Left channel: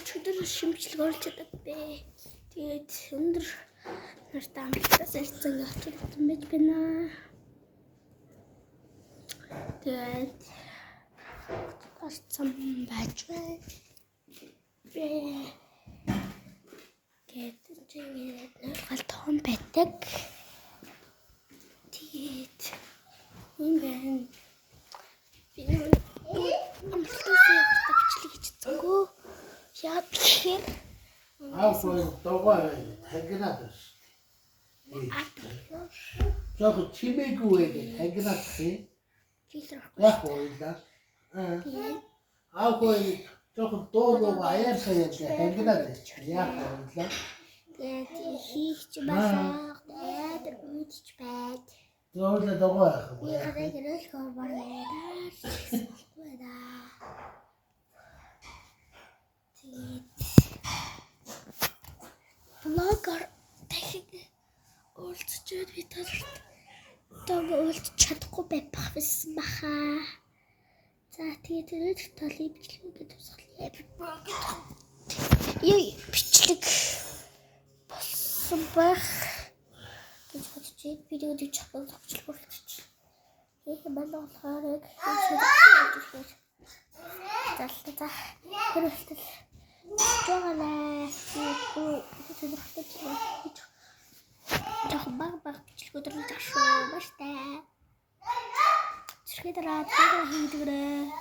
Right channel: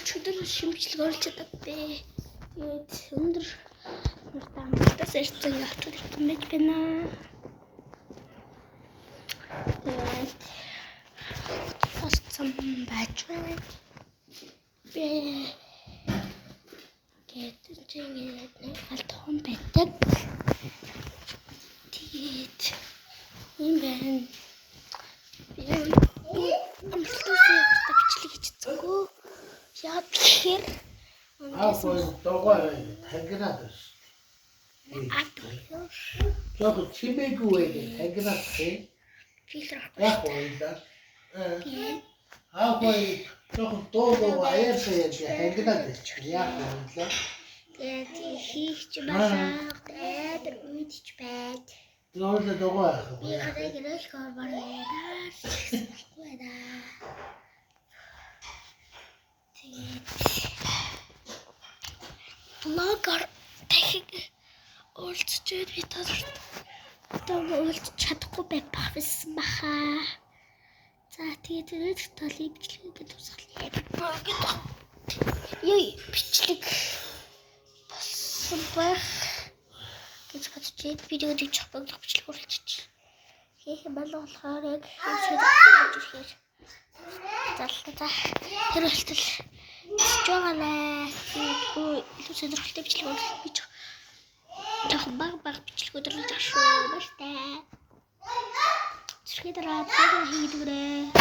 өчигдөр шимжлэг оруулж чадаад бэ. Тэгээд өндөр нартай амтаас ирсэн явчих юмж байна. Тэгээд фастсан байж байна. Бэ тэгээд чингээд нэг том байдаг. Тэгээд юм байна. Би амтаас явах бичлэг хийчихсэнгүй. Яа тэгэхээр догоо тагнаад ш. Жог чимээгүй тагнаад хэ. Яг ойлаа. Жог доо аяарсаа тагнаад ш. Яг ойлаа. Тэгээд хийч басаа дээр үйдч байд. Дөрөв догоо. Би хараа гэрэл хор байна. Блогер техник уулзчихэд би уулзч чадахгүй байсан баха. За тэгээд толыг бичлэгээ тусгалаа. Яа бичлэг болсон байх. гэж бодчих. Видео дэвчих бичлэг оруулчих. Хийх болохоор яг хэлж залтаа хэрэгтэл жаагаа илүү сонирхолтой бичлэг оруулах гэж баг бичлэгүүд оруулж шүү. Бастай. Зэрэг дараа хийдгэрээ.